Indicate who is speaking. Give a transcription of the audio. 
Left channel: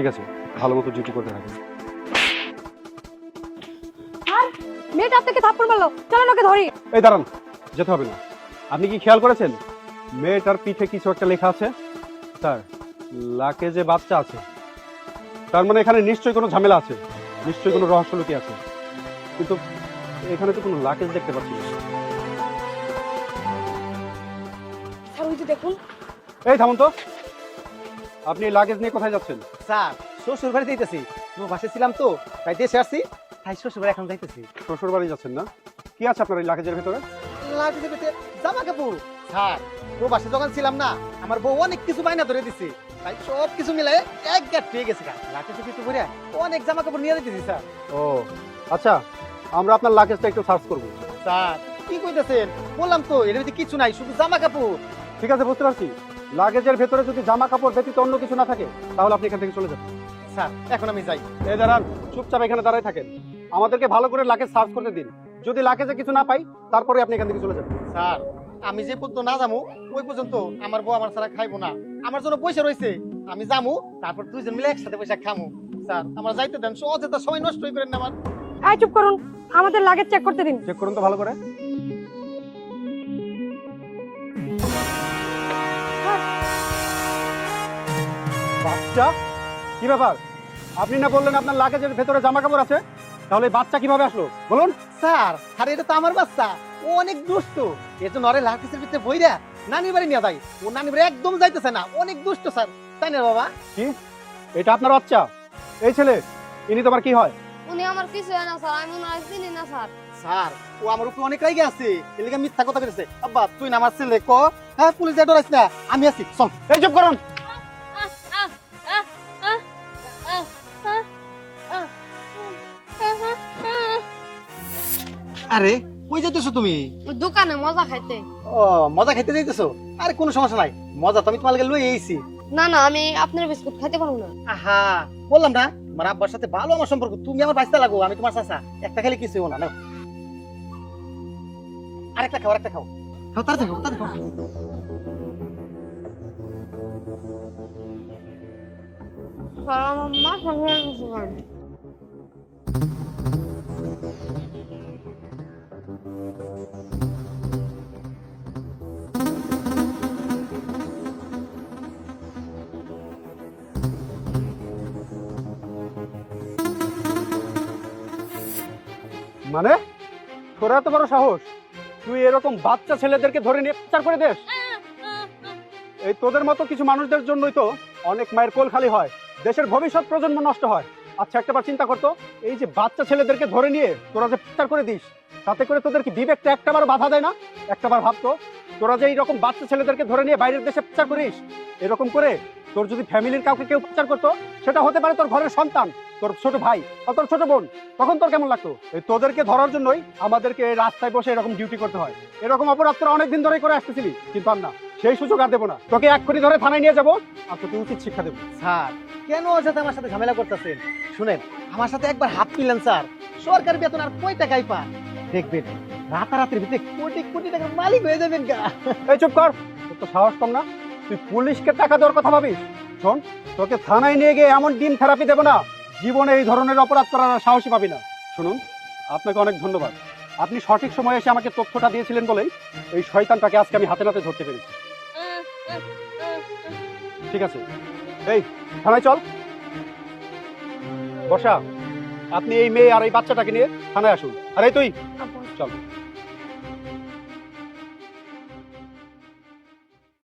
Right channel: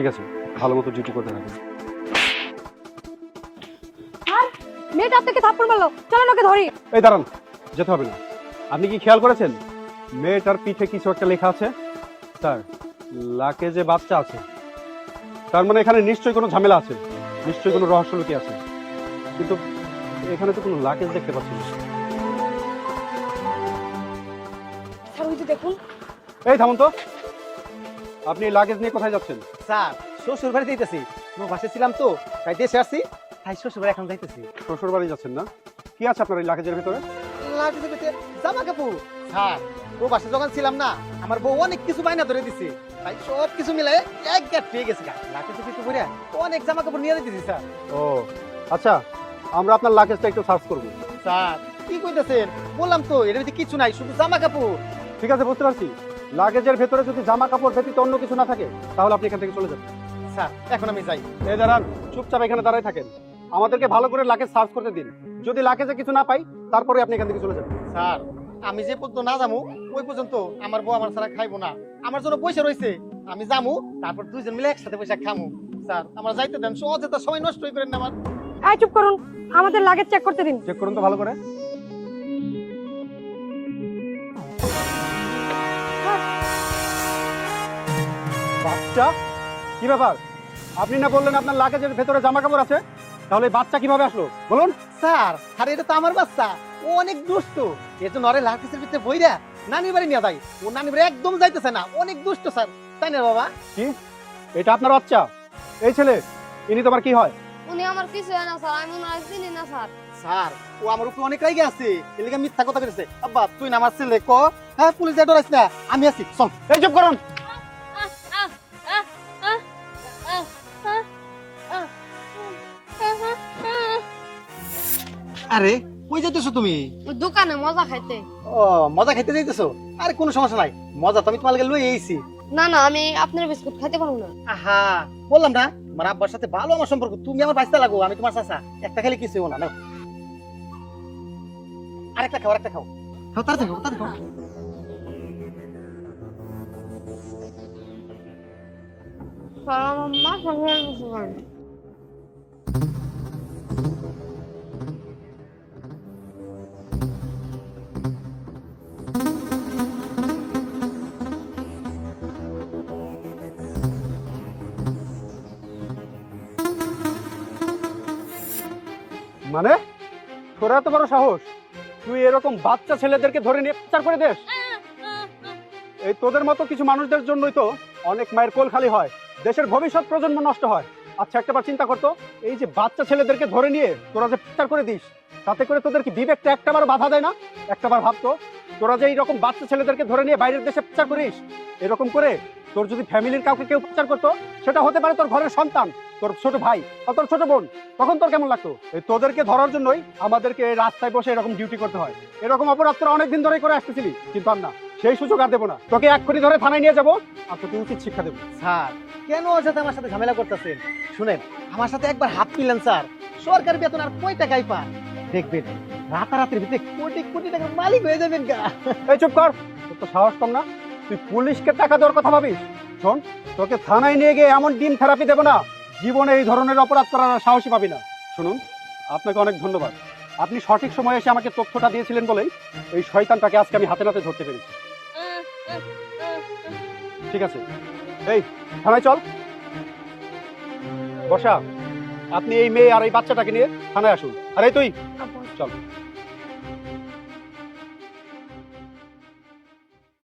Speaker 1: ঠিক আছে ভালো মতো ডিউটি করতে হবে
Speaker 2: মেয়েটা আপনাকে থাপ্পড় মারলো চলো ওকে ধরি।
Speaker 1: এই দাঁড়ান যেতে হবে না। আপনি কি খেয়াল করেছেন? মেয়েটার পিঠে কিছু একটা লেখা আছে? স্যার লাকে যে বাচ্চা আছে তার মানে এখানে নিশ্চয়ই কোনো ঝামেলা আছে। নিশ্চয়ই কোনো রহস্য লুকিয়ে আছে। কিন্তু এখানে তো কোনো লাকেজ দেখতে পাচ্ছি না।
Speaker 2: স্যার ওই যে দেখুন।
Speaker 1: থামুন তো। আপনি লাগেজ নিয়ে কোথায় যাচ্ছেন?
Speaker 3: স্যার শ্বশুর বাড়ি যাইতেছি। বাসায় ছিলাম তো। তাই দেশে আসছি? তাই শ্বশুর বাড়ি এখন যাইতেছি।
Speaker 1: শ্বশুর বাড়ি যাচ্ছেন না? কি আছে আপনার এই লাগেজের ভিতরে?
Speaker 3: লাগছে পেতে জামা কাপড়। স্যার বউ বাসা যখন ছিলাম না আমার বউ অনেক কিছু মাইনা ধরে দিছে। তাই সব কিছু মিলে এক গ্যাট পেয়ে গেছে লাগে কিছু করে অনেক জামা কাপড় নিয়ে দিছি স্যার।
Speaker 1: ও। আচ্ছা আমরা আপনার লাগেজটা একটু সার্চ করব।
Speaker 3: স্যার কি বললাম তো এর মধ্যে কিছু নাই শুধু জামা কাপড়
Speaker 1: ঠিক আছে বুঝতে পারছি। লাগেজের ভেতরে যদি জামা কাপড় ব্যতীত অন্য কিছু না থাকে তাহলে আপনি এখান থেকে চলে যাবেন।
Speaker 3: স্যার এখন আমি যাই।
Speaker 1: এই দাঁড়ান চুপচাপ এখানে দাঁড়ায় থাকেন। আমাদেরকে ভালো করে লাগেজ সার্চ করতে দিন। যদি লাগেজে কিছু না পাই তারপরে আপনি এখান থেকে চলে যাবেন।
Speaker 3: স্যার আমি যে পর্যন্ত না যামু ওই পর্যন্ত আমার বউ আমার ছাড়া খাইবো না। আমার জন্য পয়সা রয়েছে আমি যামু তারপর দুইজন মিলে একসাথে পয়সা খামু। স্যার আমার যাইতে দেন সহজে তো সময় নষ্ট করেন না আমার।
Speaker 2: এই চুপ করুন আমাদের লাগেজ চেক করতে দিন।
Speaker 1: চেক করুন তো ভালো করে। বাচ্চা? কি ব্যাপার? আপনি না বললেন আপনার লাগেজের ভেতরে জামা কাপড় আছে? তাহলে বাচ্চা কীভাবে আসলো? বলুন।
Speaker 3: স্যার আরে এটা তো আমার বাচ্চা। ও অনেক দুষ্ট। নরে লাগতেছে ভিতরে বইরা। নানি বাড়ি নিয়ে যাই। ও নানি বাড়ি একদম যাইতেছে না। অনেক দুষ্ট স্যার। তাই না বাবা?
Speaker 1: কি এটা আপনার বাচ্চা। ওই ছেলে ইনি তোমার কি হয়?
Speaker 2: উনি আমার কিছু জানে স্যার। আমি না চিনি না স্যার।
Speaker 3: স্যার ও আমার উপর অনেক রেগে আছে। মিথ্যা কথা বলেছে। আব্বা তুই না আমার ছেলে কো? হ্যাঁ পুলিশে ডরাইস না। আমি আছি চল। এই চুপ করুন। আরে কই যাইতেছো তুমি?
Speaker 2: দোকানে মজা খাইতে।
Speaker 3: ও মজা খেতে যাইতেছো? আরে কোনো সমস্যা নাই। মজা তো আমি তোমার গেলে লই এইছি
Speaker 2: না না আমি আপনার বিস্কুট খেতে পারব না।
Speaker 3: আহা বললাম না। আমার আব্বার সাথে ভালো আমার সম্পর্ক। তুমি আমার বাঁচতে লাগো আমি তোমার চাচা। একটা খালি কিছু না না। আরেকটা খাও আরেকটা খাও। তাড়াতাড়ি খাও, তাড়াতাড়ি খাও।
Speaker 2: আমার মাথা
Speaker 1: মানে তোরা এত বড় সাহস। তুই এরকম বাচ্চা ছেলেদেরকে ধরে নিয়ে অত্যাচার করে দেশ এই তোদের মতো কিছু মানুষদের জন্যই তো অনেক মায়ের কোল খালি হয়। দেশের ভবিষ্যৎ প্রজন্ম নষ্ট হয়। আচ্ছা একটা চিন্তা করতো এই যে বাচ্চা ছেলেদেরকে ধরে নিয়ে তোরা যে অত্যাচার করে দিস, তাতে করে তোদের কি বিবেকটা একটাবার বাধা দেয় না? একটাবার ভাবতো তোরা যে এইরকম বাচ্চা ছেলেদেরকে ধরে নিয়ে বাইরের দেশে অত্যাচার করিস, এরকম করে তোর যদি ফ্যামিলির কাউকে কেউ অত্যাচার করতো সেটা হতে পারে তোর ঘরের সন্তান তোর ছোট ভাই বা তোর ছোট বোন। তখন তোর কেমন লাগতো? ওই তোদেরকে ধরার জন্যই আমাদেরকে রাস্তায় বসে এরকম ডিউটি করতে হয়। এরকম অপরাধ তোরা অনেকদিন ধরেই করে আসতেছিলি কিন্তু না। সেই সুযোগ আর দেবো না। তোকে এক কোটি ধরে থানায় নিয়ে যাব। আর তোকে উচিত শিক্ষা দেবো।
Speaker 3: স্যার কেন সাথে আমার সাথে ঝামেলা করতেছেন? শুনেন আমার সাথে একবার হাত মিলান স্যার। সরকারি বেতন আর কই টাকাই পান? দেখবেন রাতারাতির ভিতরে কোটি কোটি টাকার মালিক হয়ে যাবেন কা
Speaker 1: এই চুপ কর তো সাহস কম না। পুলিশকে টাকা দেওয়ার কথা শোন, তোকে থানায় নিয়ে গিয়ে এমন দিন থেরাপি দেবো না, জীবনে এই ধরনের অপরাধ করার সাহসই পাবি না। শুনুন, আপনাকে অনেক ধন্যবাদ। আপনি সঠিক সময়ে এসে আমাকে তথ্যটা দিয়েছিলেন বলেই এই শয়তানটাকে আজকে আমি হাতে হাতে ধরতে পেরেছি। ঠিক আছে। এই, থানায় চল। বসাও। আপনি এই মেয়ে আর এই বাচ্চাটাকে নিয়ে থানায় আসুন। আরে তুই, চল।